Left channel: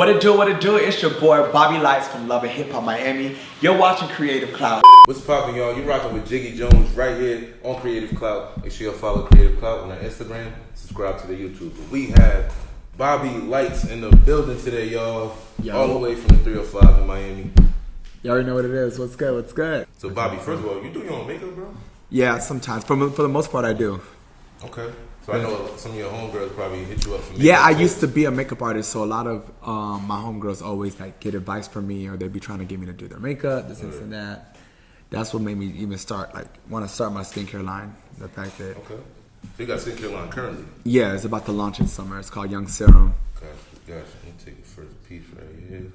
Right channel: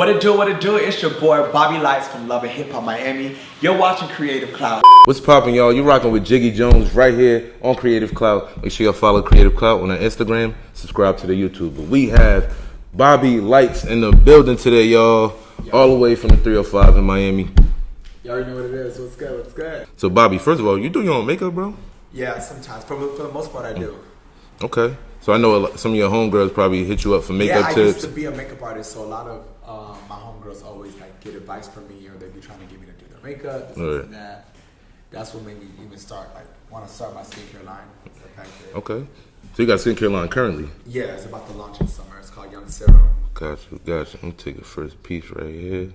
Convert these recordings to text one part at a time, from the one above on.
What it do? It's your boy Bobby Lytes from Love and Hip Hop Miami. You're watching Creative Clout. What's poppin', y'all? You rockin' with Jiggy Jones right here on Creative Clout. Make sure y'all follow Creative Clout on our Instagram. Subscribe to the YouTube. But we have Bobby Lytes in the building today, y'all. All the way from the 305 in Miami. You already know what it is. What's good? What's good? So, Bobby, first of all, you do your own makeup, bro? Yeah, sometimes. For the most part, I do. Okay. So I know some of your homegirls probably hit you up for makeup Yeah, I tips. used to be a makeup artist, so a lot of my homegirls always like get advice from me, or they'd be trying to get me to do their makeup, this and that. That's what made me even want to start my skincare line. The fact that Okay. So you got a skincare line currently? Yeah, it's about to launch in summer. It's called Young Serum. Gotcha. Let me take the first piece right here.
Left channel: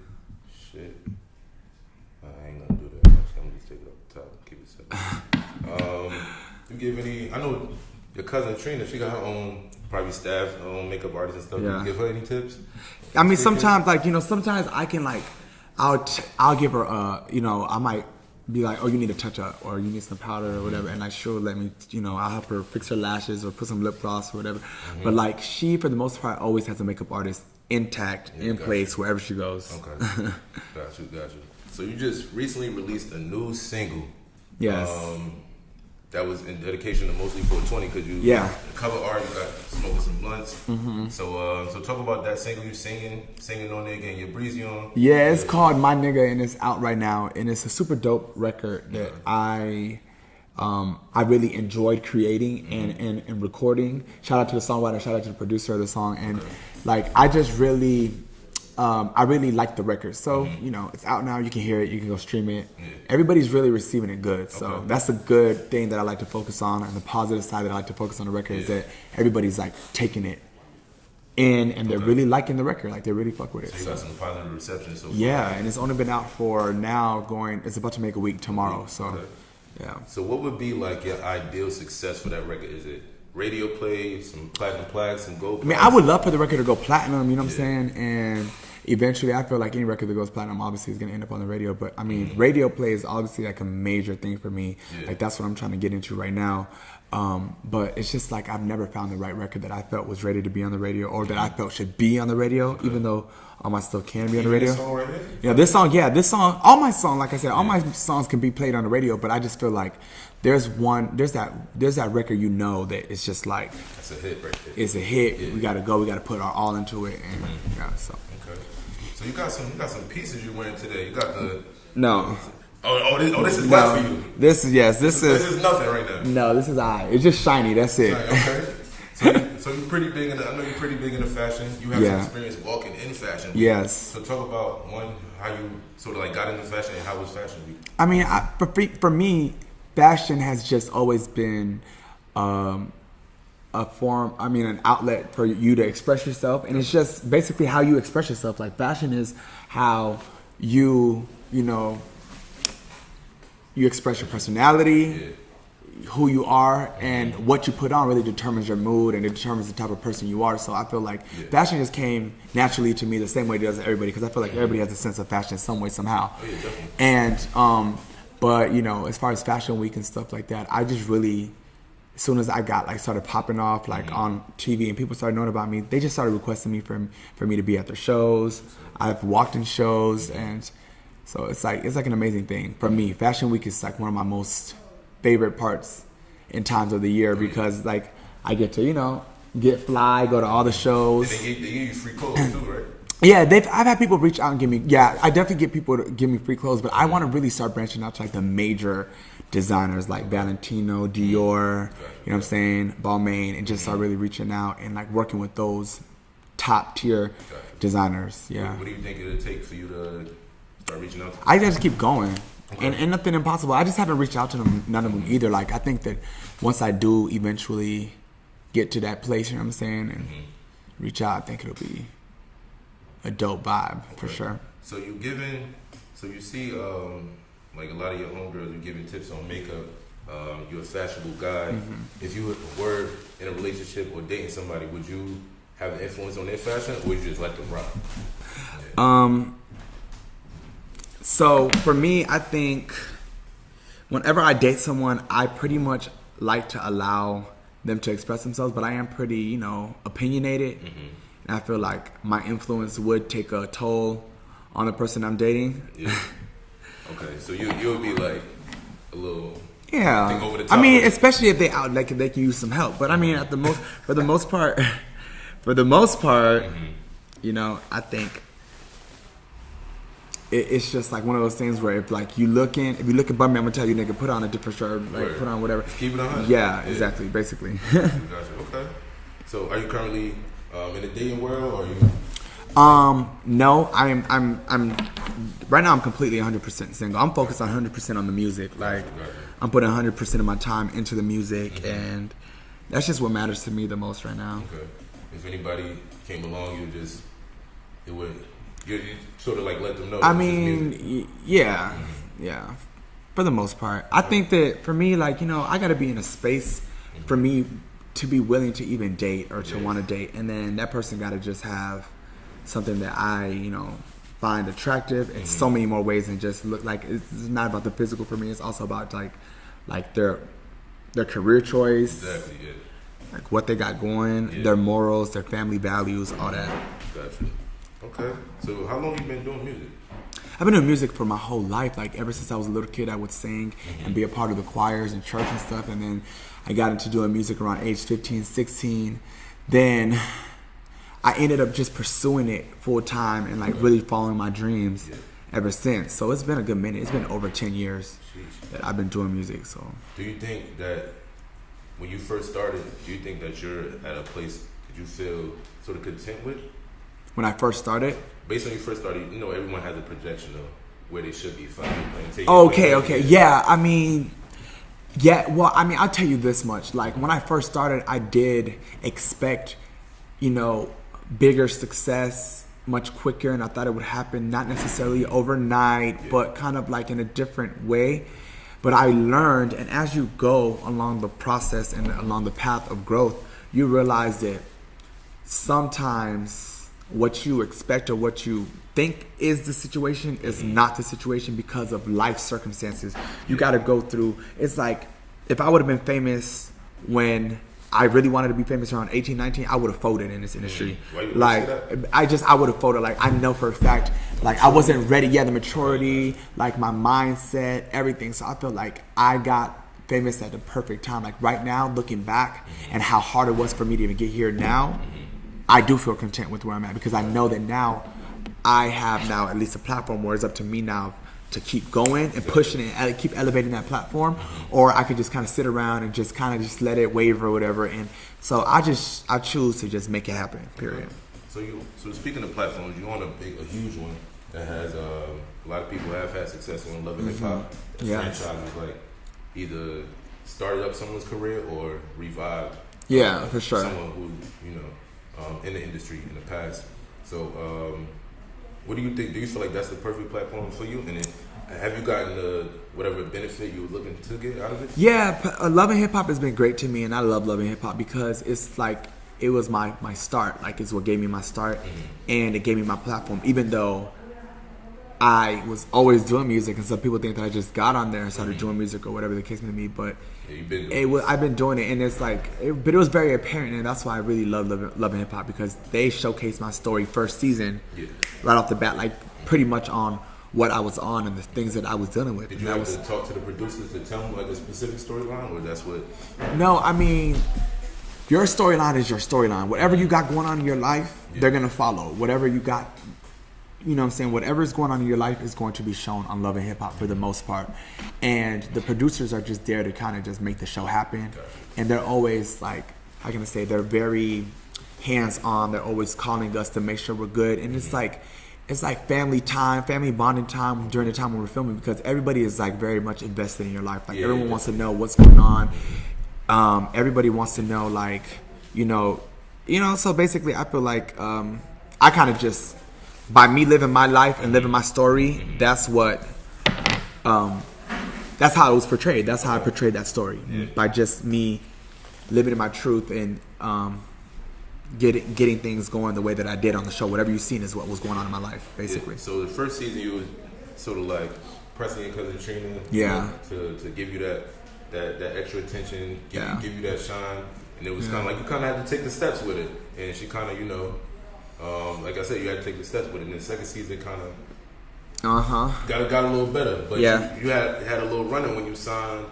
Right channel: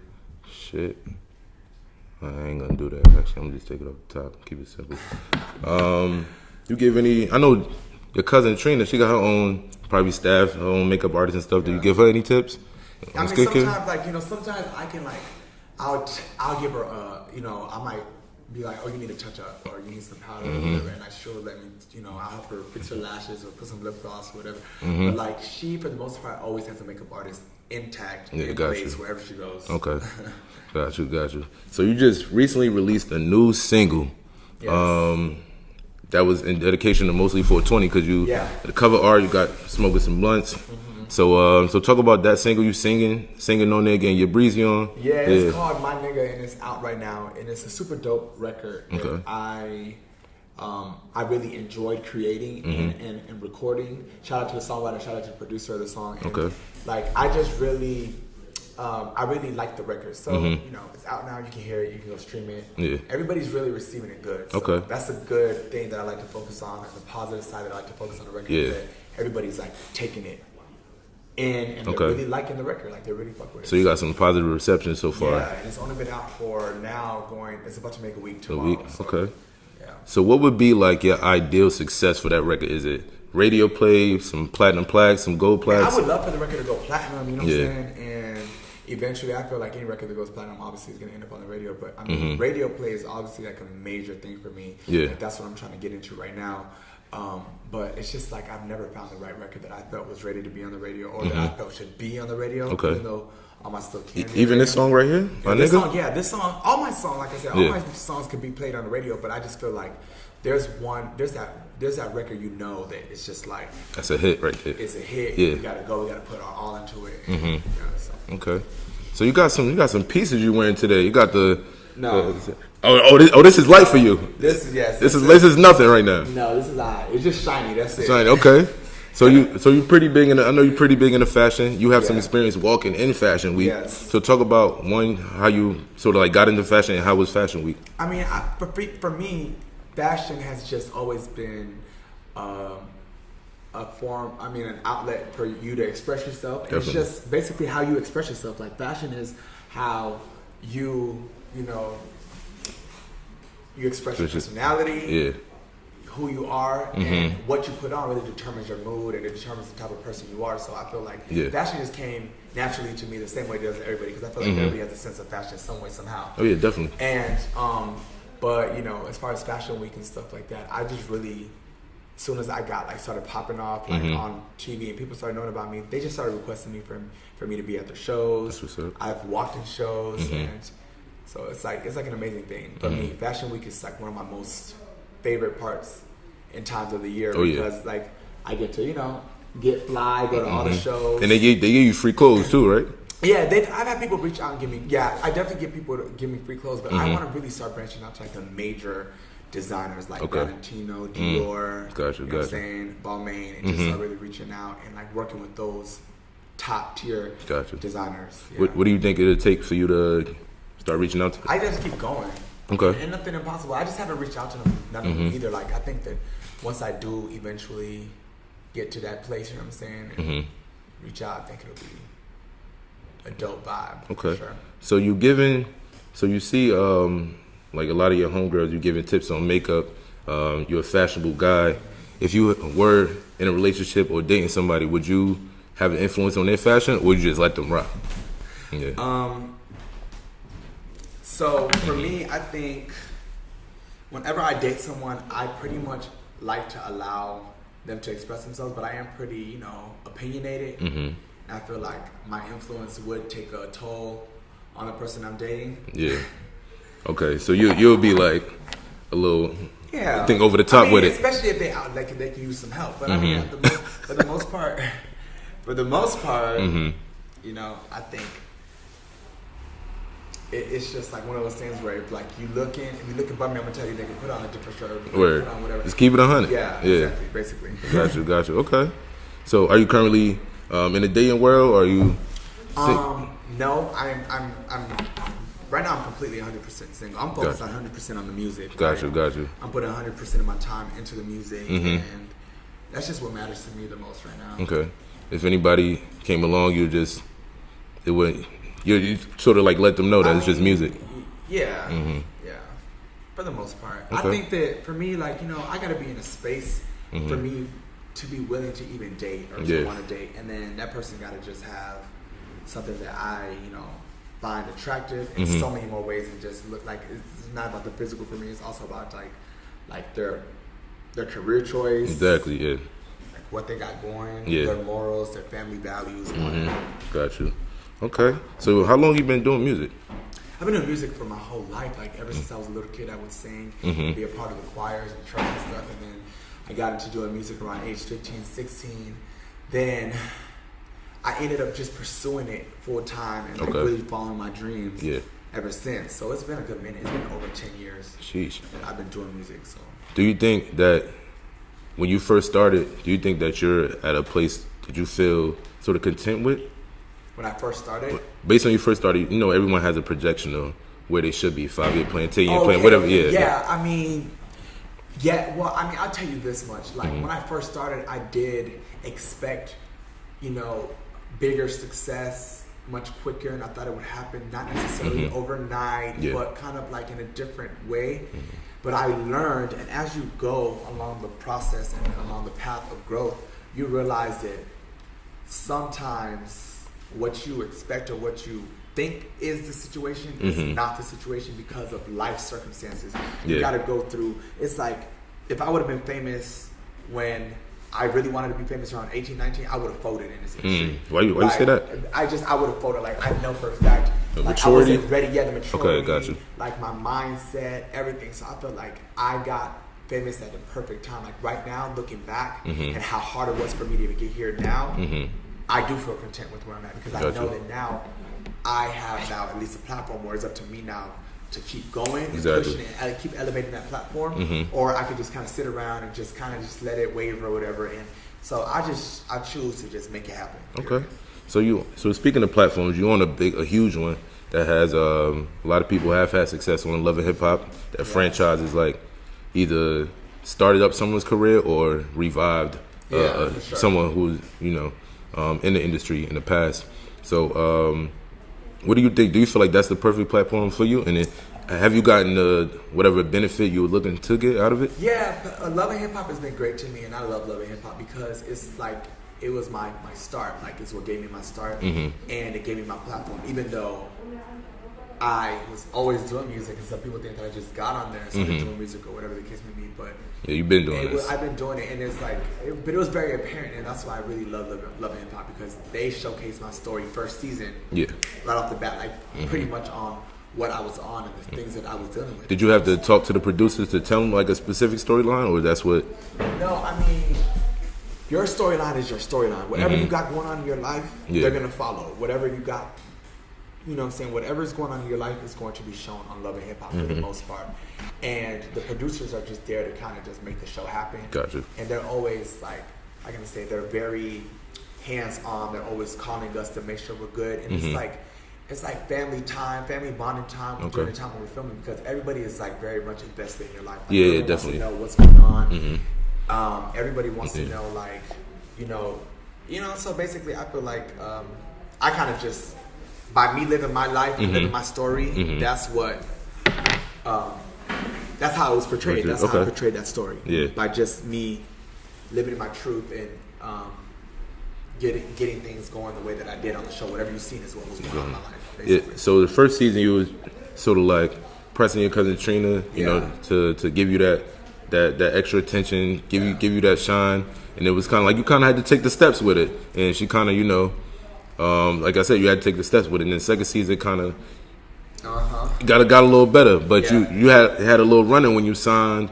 Shit. I ain't gonna do that. Actually, I'm gonna just take it off the top. Keep it simple. You give any? I know your cousin Trina. She got her own probably staff, her own makeup artist and stuff. Yeah. Do you give her any tips? I mean, sometimes sometimes I can I'll give her I might be like, oh, you need a touch up, or you need some powder or whatever, and she'll let me, I'll help her fix her lashes or put some lip gloss or whatever. But she, for the most part, always has a makeup artist intact in place wherever she goes. Okay. Got you. So you just recently released a new single. Yes. That was in dedication to mostly 420 because the cover art, you got smoking some blunts. So talk about that single you singing No Nigga and your breezy on. Yeah, it's called My Nigga, and it's out right now, and it's a super dope record that I really enjoyed creating and recording. Shout out to the songwriter, shout out to the producer of the song, and I just really I really like the record. So, it's out now. You can hear it. You can go stream it. Yeah. Everybody's really receiving it good. So that's a good thing that I like to focus on. And the positive side that I like to focus on the record is that everybody's taking it in, and they're really liking the record. They really fuck with it. So you got some positive reception so far. Yeah, and it's only been out for now it's about to make a week tomorrow. So, yeah. So what would be your ideal success for that record? Is it radio play, some platinum plaques, some gold plaques? I would love for the record to go platinum, you know what I'm saying? And eventually, I feel like any record that goes platinum obviously is going to end up on the radio. But, I mean, radio play is obviously a major thing for me. Yeah. That's what I'm trying to get into right now. But it's just I've never found the right record that I felt was ready to be on the radio, or that I felt should be on the radio, even though all my stuff can be on the radio. Even this song right here? Yeah, this song, all my songs, like I said, all my songs can be played on the radio, but I just feel like there's that record that it's just that's a hit right there. It's a hit. Yeah. We gotta put our all into it. And, Okay. So you got some pieces you wearing today. You got the this is light for you. This is nothing right now. No, this is It's just shiny. That's it. Shiny. Okay. So you pretty big in I know you're pretty big into fashion. You have some experience walking in Fashion Week. Yes. So talk about how you sort of got into fashion, and how was Fashion Week? I mean, for me, fashion has just always been a form, an outlet for you to express yourself. And it's just basically how you express yourself. Fashion is how you express your personality, who you are, and what you put on really determines your mood, and it determines the type of person you are. So I feel fashion just came naturally to me the same way it does everybody, because I feel like everybody has a sense of fashion some way, somehow. Oh yeah, definitely. And but as far as Fashion Week and stuff like that, I just really, as soon as I got started popping off on TV and people started knowing about me, they just started requesting me for me to be at their shows. I've walked in shows, and so it's an amazing thing for me. Fashion Week is one of my most favorite parts in times of the year, because I get to get fly, go to all the shows, and they give you free clothes too, right? Yeah, I've had people reach out and give me. Yeah, I definitely get people to give me free clothes, but I want to really start branching out to the major designers Valentino, Dior, you know what I'm saying, Balmain, and just start really reaching out and working with those top tier designers. Yeah. What do you think it'll take for you to start reaching out to them? I just keep going. Okay. And nothing impossible. I just haven't reached out to them, none of them either. I think that once I do eventually get to that place, you know what I'm saying, and reach out, I think it'll be a dope vibe for sure. So you see a lot of your homegirls, you giving tips on makeup. You're a fashionable guy. If you were in a relationship or dating somebody, would you have an influence on their fashion, or would you just let them rock? Yeah. So for me, I think whenever I date someone, I pretty much like to allow them to express themselves, but I am pretty, opinionated. and I feel like my influence would take a toll on the person I'm dating. Yeah. Okay, so you'll be like a little think over the top. I mean, with it. especially if they can use some help. But I mean, for the most part, you know, I think it's just like one of those things where if you look above me, I'm gonna tell you, nigga, put on a different shirt, like, put on whatever. Just keep it 100. Yeah, exactly, basically. Got you. Okay. So, are you currently in the dating world, or are you? No, I'm right now. I'm completely 100% single. I'm focused on 100% on the music. Got you. I'm putting 100% of my time into the music, and that's just what matters to me the most right now. Okay. If anybody came along, you sort of like let them know that it's just music. Yeah. For the most part, okay. I think that for me, like, you know, I got to be in a space for me to be willing to even date or to want to date, and then that person got to just have something that I, you know, find attractive in so many more ways than just look like. It's not about the physical for me. It's also about like their career choice. Exactly. Yeah. Like what they got going, their morals, their family values, all that. Got you. Okay. So how long you been doing music? I've been doing music for my whole life. Like ever since I was a little kid, I would sing and be a part of the choirs and church and stuff. And then I got into doing music around age 15, 16. Then I ended up just pursuing it full time and like really following my dreams ever since. So it's been a good minute. It's been over 10 years that I've been doing music. So do you think that when you first started, do you think that you're at a place that you feel sort of content with? When I first started? Based on you first started, you know, everyone has a projection of where they should be, 5-year plan, 10-year plan, whatever. Okay. Yeah, I mean, I'll tell you this much. Like, when I first started, I did expect, you know, bigger success much quicker, and I thought it would happen not necessarily overnight, but kind of like in a different way. But I learned, and as you go along the process and along the path of growth, you realize that sometimes what you expect or what you think is the situation is not the situation because of life circumstances. You got to go through. It's like if I would have been famous when I really wanted to be famous around 18, 19, I would have folded in this industry. Why you say that? I would have folded. Like, I know for a fact, like, I wasn't ready yet, the maturity, like, my mindset, everything. So I feel like I got famous at the perfect time. Like, right now, looking back and how hard it was for me to even get here now, I do feel content with where I'm at because I know that now I have now at least a platform where it's up to me now to keep going and pushing it and keep elevating that platform, or I could just kind of sit around and just kind of just let it waver or whatever. And so I choose to just make it happen. Period. Okay. So speaking of platforms, you're on a huge one that has a lot of people have had success on Love and Hip Hop. That franchise is like either started up someone's career or revived for sure. someone who's in the industry in the past. So what do you think? Do you feel like that's the perfect platform for you? And then have you gotten whatever benefit you were looking to get out of it? Yeah, Love and Hip Hop has been great to me, and I love Love and Hip Hop because it's like it was my start. Like, it's what gave me my start, and it gave me my platform. Even though I was always doing music, and some people think that I just got on there and started doing music or whatever the case may be. But you've been doing it. I've been doing it, and it's like, but it was very apparent, and that's why I really love Love and Hip Hop because they showcased my story first season, right off the bat, like pretty much on what I was on and the things that I was dealing with. Did you have to talk to the producers to tell them like a specific storyline, or that's what? No, I mean, your storyline is your storyline. Whatever you got going on in your life, they're gonna follow. Whatever you got. You know what I'm saying? Whatever is going on in your life is going to be shown on Love and Hip Hop for the most part. And the producers are just there to kind of just make the show happen. Gotcha. And they're always like, how can I say, they're very hands-on. They're always calling us to make sure we're good. And it's like family time, family bonding time during the time when we're filming because everybody is like very much invested in your life. Like everyone wants to know what's going on. Everybody wants to know like, so basically I feel like I kind of just, by me living my life and living my story, that's what, that's how it was portrayed. That's how I portrayed that story. By just me living my truth and getting things going the way that I did on the show. Whatever you've seen is what was going on in my life, basically. So the first season you was sort of like pressing your cousin Trina, you know, to give you that extra attention, give you that shine, and it was kind of like you kind of had to take the steps with it, and she kind of like I said, you had to take the steps with it. And then second season kind of got a little better, but you had a little running when you signed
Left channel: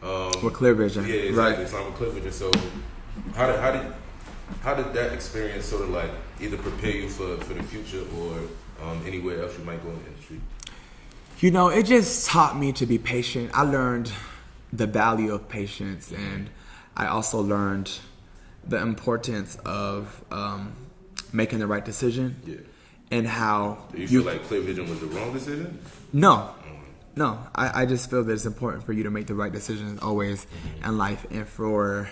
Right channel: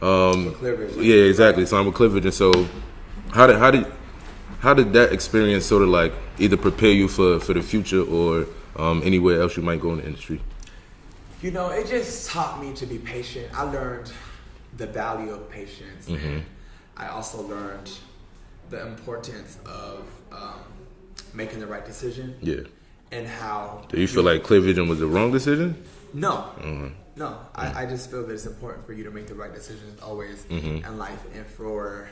with Clear Vision. Yeah, exactly. Signed with Clear Vision. So how did that experience sort of like either prepare you for the future or anywhere else you might go in the industry? You know, it just taught me to be patient. I learned the value of patience, and I also learned the importance of making the right decision. Yeah. And how... Do you feel like Clear Vision was the wrong decision? No. No. I just feel that it's important for you to make the right decisions always in life, and for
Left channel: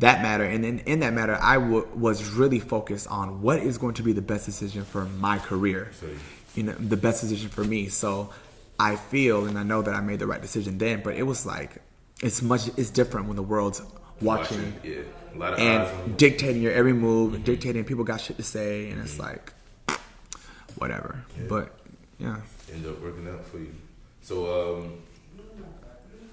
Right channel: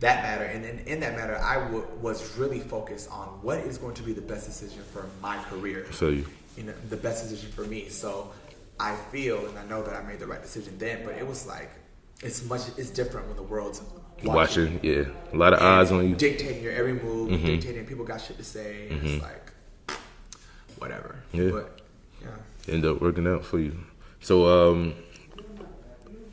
that matter. And in that matter, I was really focused on what is going to be the best decision for my career. So you know, the best decision for me. So I feel and I know that I made the right decision then, but it was like, it's different when the world's watching. Yeah. A lot of eyes on you. Dictating your every move, dictating, people got shit to say, and it's like, whatever. Yeah. But, yeah. End up working out for you. So,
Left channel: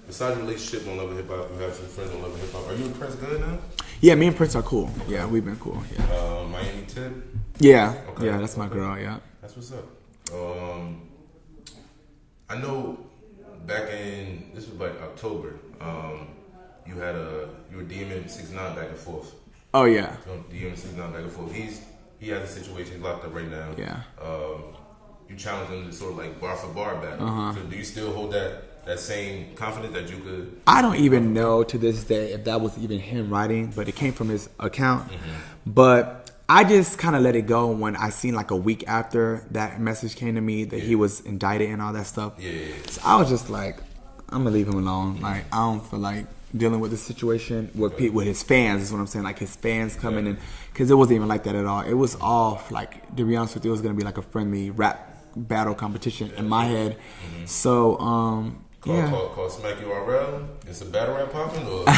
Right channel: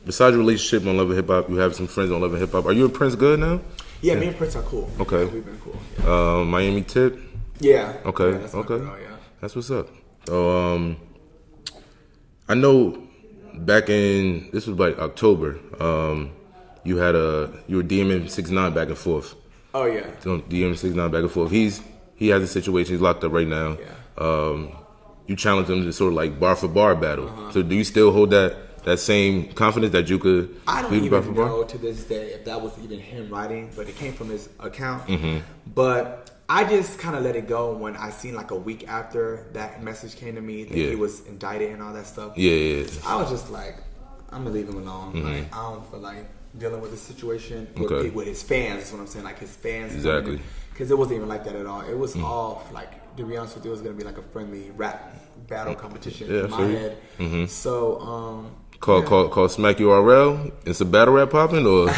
besides your relationship on Love and Hip Hop, you have some friends on Love and Hip Hop. Are you and Prince good now? Yeah, me and Prince are cool. Okay. Yeah, we've been cool. Yeah. Miami Tip? Yeah. Okay. Yeah, that's my girl, yeah. That's what's up. So, I know back in, this was like October, you were DMing 6ix9ine back and forth. Oh, yeah. So DMing 6ix9ine back and forth. He has a situation, he's locked up right now. Yeah. You challenged him to sort of like bar for bar battle. So do you still hold that same confidence that you could? I don't even know to this day if that was even him writing, but it came from his account. But I just kind of let it go when I seen like a week after that message came to me that he was indicted and all that stuff. Yeah. So I was just like, I'm gonna leave him alone. Like, I don't feel like dealing with the situation with his fans. Is what I'm saying. Like his fans coming in, because it wasn't even like that at all. It was all like, to be honest with you, it was gonna be like a friendly rap battle competition in my head. So called Smack URL. It's a battle rap popping or.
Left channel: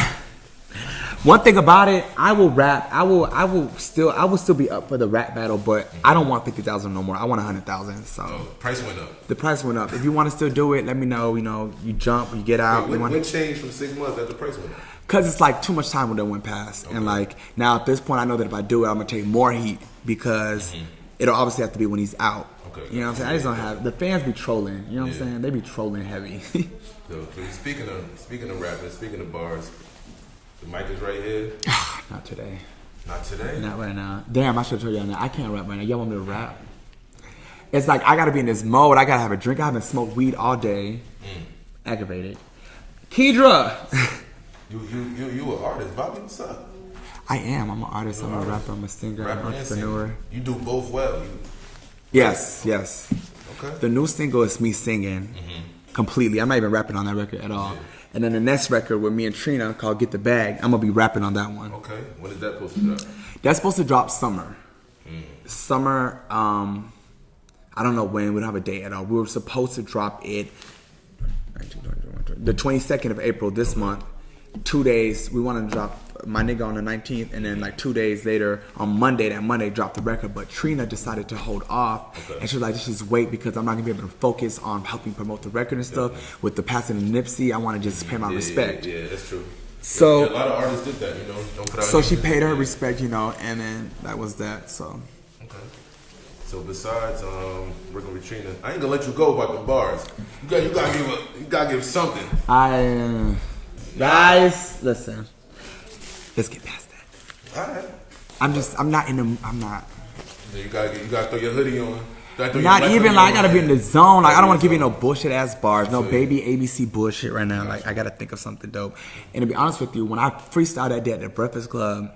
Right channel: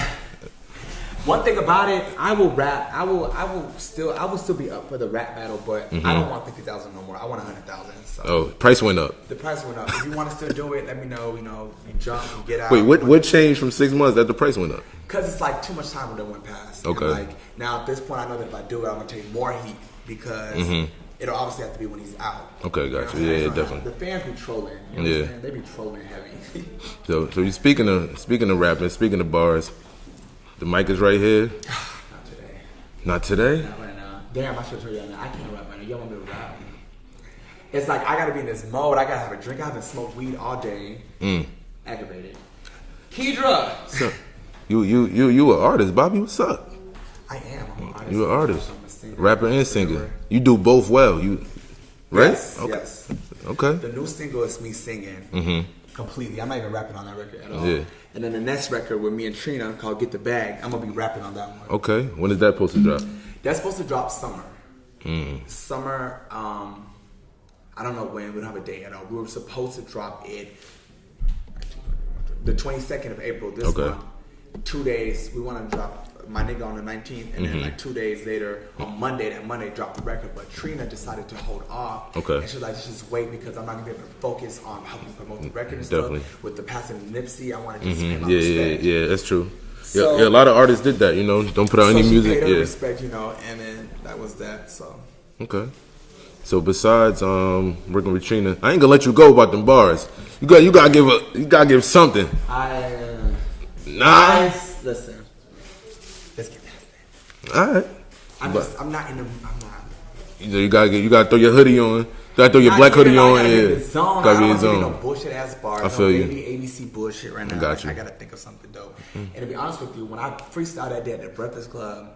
One thing about it, I will rap. I will still be up for the rap battle, but I don't want 50,000 no more. I want 100,000. So price went up. The price went up. If you want to still do it, let me know. You know, you jump, you get out. Wait, what changed from 6 months that the price went up? Because it's like too much time when that went past. Okay. And like now at this point, I know that if I do it, I'm gonna take more heat because it'll obviously have to be when he's out. Okay, you know what I'm saying? I just don't have, the fans be trolling. You know what I'm saying? They be trolling heavy. So you speaking of rapping, speaking of bars. The mic is right here. Not today. Not today? Not right now. Damn, I should have told y'all that. I can't rap right now. Y'all want me to rap? It's like I gotta be in this mode. I gotta have a drink. I haven't smoked weed all day. Aggravated. Kedra! So, you an artist, Bobby? What's up? I am. I'm an artist. You an artist. I'm a singer. Rapper and singer. You do both well. Yes. Okay. Yes. Okay. The new single is me singing. Completely. I'm not even rapping on that record at all. Yeah. And then the next record with me and Trina called Get the Bag, I'm going to be rapping on that one. Okay. When is that supposed to drop? That's supposed to drop summer. Summer, I don't know when. We don't have a date at all. We were supposed to drop it the 22nd of April this month. 2 days. We want to drop my nigga on the 19th, and then like 2 days later on Monday, drop the record. But Trina decided to hold off. Okay. And she was like, just wait because I'm not gonna be able to focus on helping promote the record and stuff. With the passing of Nipsey, I want to just pay my respect. Yeah, that's true. So a lot of artists did that, you know, don't put out any music. So she paid her respect, you know, and then that was that. So okay. So besides working with Trina, I ain't gonna let you go about them bars. You gotta give something. Nice. Listen. Let's get past that. All right. I'm not. You gotta throw your hoodie on. You gotta throw your black hoodie on. I gotta be in the zone. I don't want to give you no bullshit ass bars. No baby you. ABC bullshit right now. Like, I gotta think of something dope. And to be honest with you, when I freestyled that day at the Breakfast Club,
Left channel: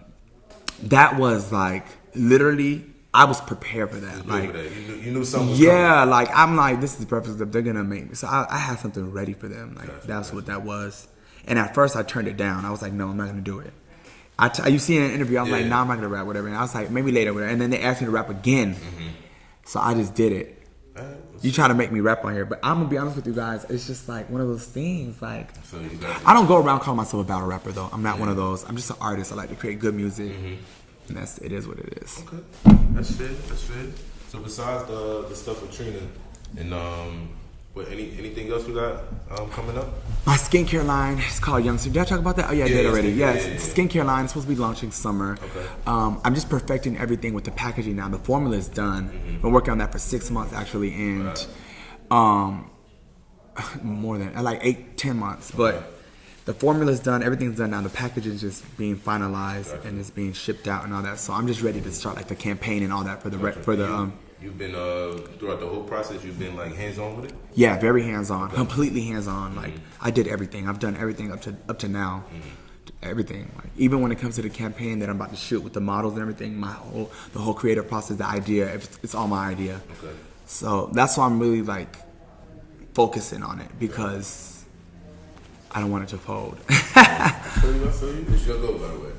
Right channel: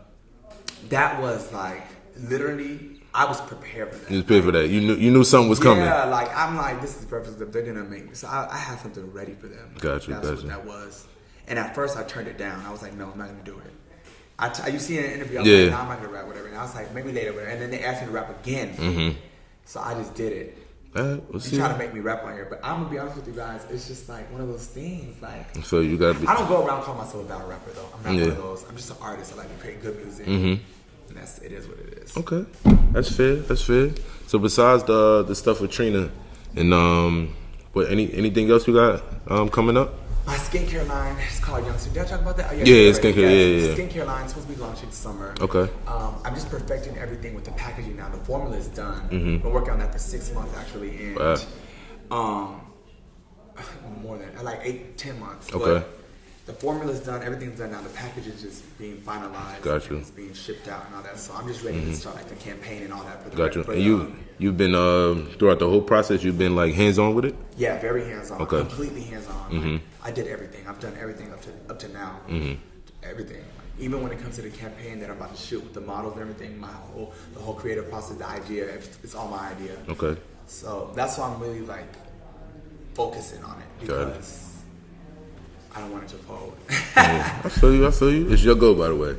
that was like literally. I was prepared for that. You was prepared for that. You knew something was coming. Yeah, like I'm like, this is the Breakfast Club. They're gonna make me. So I had something ready for them. Like, Gotcha. What that was. And at first I turned it down. I was like, no, I'm not gonna do it. You see in an interview, I was like, nah, I'm not gonna rap, whatever. And I was like, maybe later, whatever. And then they asked me to rap again. So I just did it. You try to make me rap on here, but I'm gonna be honest with you guys, it's just like one of those things. Like, so you got. I don't go around calling myself a battle rapper though. I'm not one of those. I'm just an artist. I like to create good music, and it is what it is. Okay, that's fair. So besides the stuff with Trina and But anything else you got coming up? My skincare line is called Youngster. Did I talk about that? Oh, yeah, Yeah, already. skincare, yeah. Skincare line is supposed to be launching summer. Okay. I'm just perfecting everything with the packaging now. The formula is done. Been working on that for 6 months actually, and more than like 8-10 months. Okay. But the formula is done. Everything's done now. The packaging is just being finalized and it's being shipped out and all that. So I'm just ready to start like the campaign and all that for the You've been throughout the whole process. You've been like hands on with it. Yeah, very hands on, Okay. completely hands on. Like I did everything. I've done everything up to now. Everything. Like, even when it comes to the campaign that I'm about to shoot with the models and everything, the whole creative process, the idea, it's all my idea. Okay. So that's why I'm really like focusing on it because I don't want it to fold. I feel you. It's your goal, by the way.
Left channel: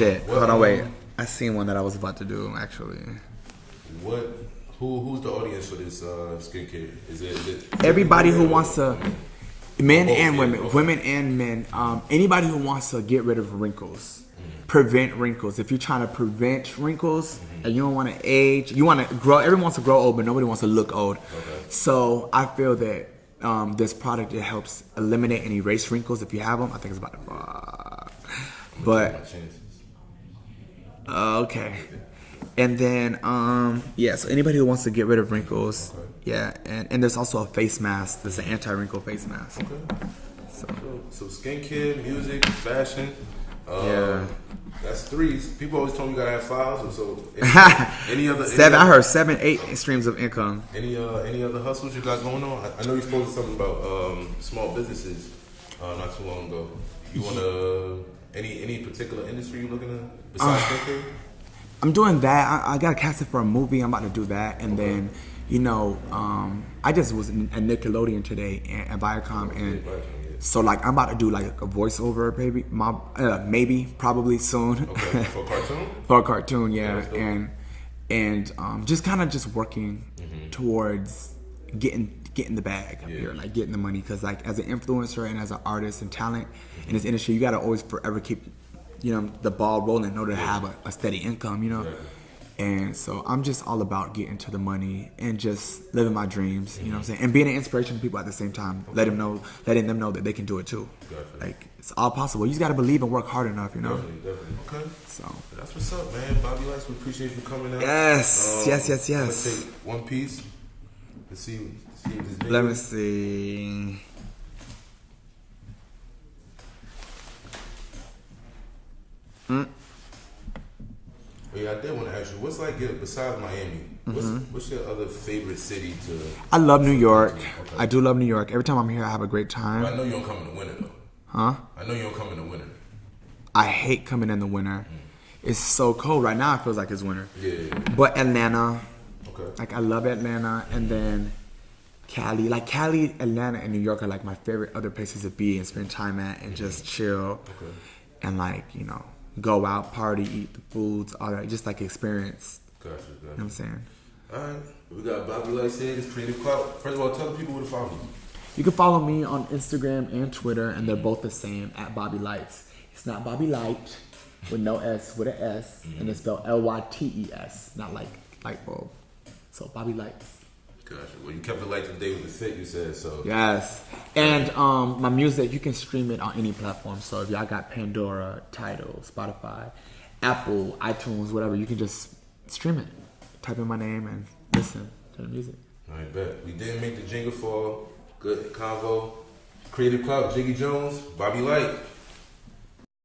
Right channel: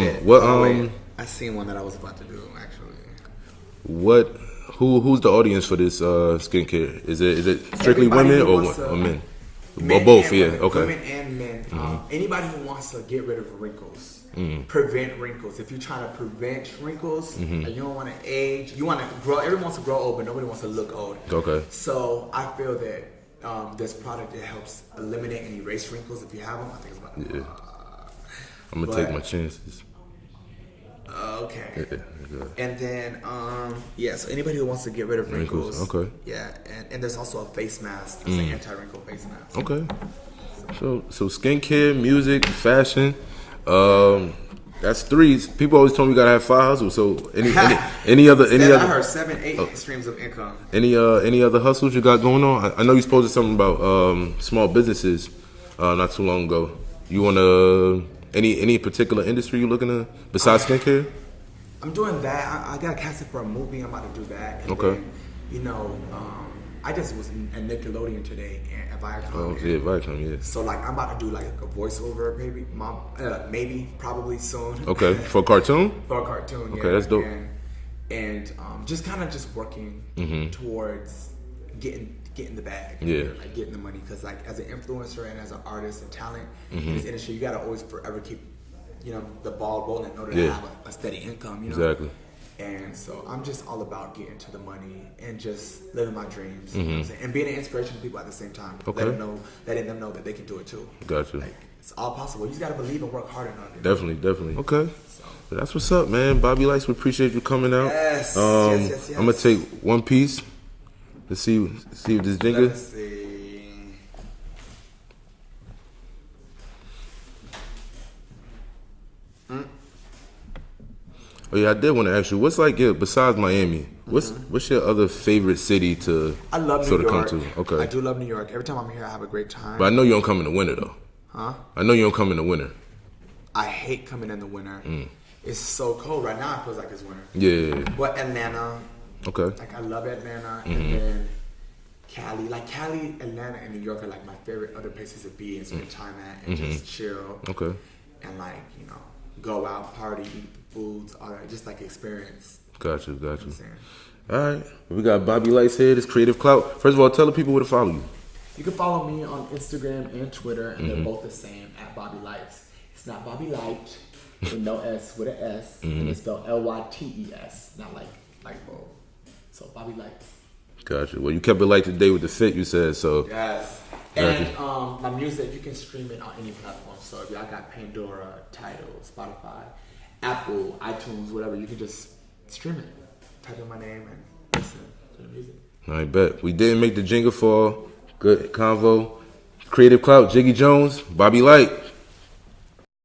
Shit. Wait. I seen one that I was about to do actually. Who's the audience for this skincare? Is it everybody women who wants to men? Men both, and women, okay. women and men. Anybody who wants to get rid of wrinkles, prevent wrinkles. If you're trying to prevent wrinkles and you don't want to age, you want to grow. Everyone wants to grow old, but nobody wants to look old. Okay. So I feel that this product, it helps eliminate and erase wrinkles if you have them. I think it's about I'm gonna take my chances. Okay. And then, so anybody who wants to get rid of wrinkles. Okay. Yeah, and there's also a face mask. There's an anti-wrinkle face mask. Okay. So skincare, music, fashion. That's 3. People always told me you gotta have 5 hustles. So any other? I heard 7, 8 streams of income. Any other hustles you got going on? I know you posted something about small businesses not too long ago. You wanna any particular industry you looking to besides skincare? I'm doing that. I got casted for a movie. I'm about to do that, and then, I just was at Nickelodeon today at Viacom. Viacom, yeah. So like, I'm about to do like a voiceover, maybe, probably soon. Okay, for a cartoon. For a cartoon, yeah. Okay, that's dope. And just kind of just working towards getting the bag, like getting the money. Because like as an influencer and as an artist and talent in this industry, you gotta always forever keep the ball rolling in order to have a steady income, Exactly. And so I'm just all about getting to the money and just living my dreams, you know what I'm saying? And being an inspiration to people at the same time. Letting them know that they can do it too. Gotcha. Like, it's all possible. You just got to believe and work hard enough, Definitely. Okay. So that's what's up, man. Bobby Lytes, we appreciate you coming out. Yes. Yes. I'm going to take one piece to see what this thing is. Let me see. Oh yeah, I did want to ask you, what's like besides Miami? What's your other favorite city to? I love New York. Okay. I do love New York. Every time I'm here, I have a great time. But I know you don't come in the winter though. Huh? I know you don't come in the winter. I hate coming in the winter. It's so cold right now. It feels like it's winter. Yeah. But Atlanta. Okay. Like I love Atlanta, and then Cali. Like Cali, Atlanta, and New York are like my favorite other places to be and spend time at and just chill. Okay. And like go out, party, eat the foods, all that, just like experience. Gotcha. You know what I'm saying? All right, we got Bobby Lytes here. This Kreative Clout. First of all, tell the people where to follow you. You can follow me on Instagram and Twitter, and they're both the same, at Bobby Lytes. It's not Bobby Light with no S, with an S, and it's spelled Lytes, not like light bulb. So Bobby Lytes. Gotcha. Well, you kept it light today with the fit, you said, so. Yes. And my music, you can stream it on any platform. So if y'all got Pandora, Tidal, Spotify, Apple, iTunes, whatever, you can just stream it. Type in my name and listen to the music. I bet. We didn't make the jingle for good convo. Kreative Clout, Jiggy Jones, Bobby Lyte.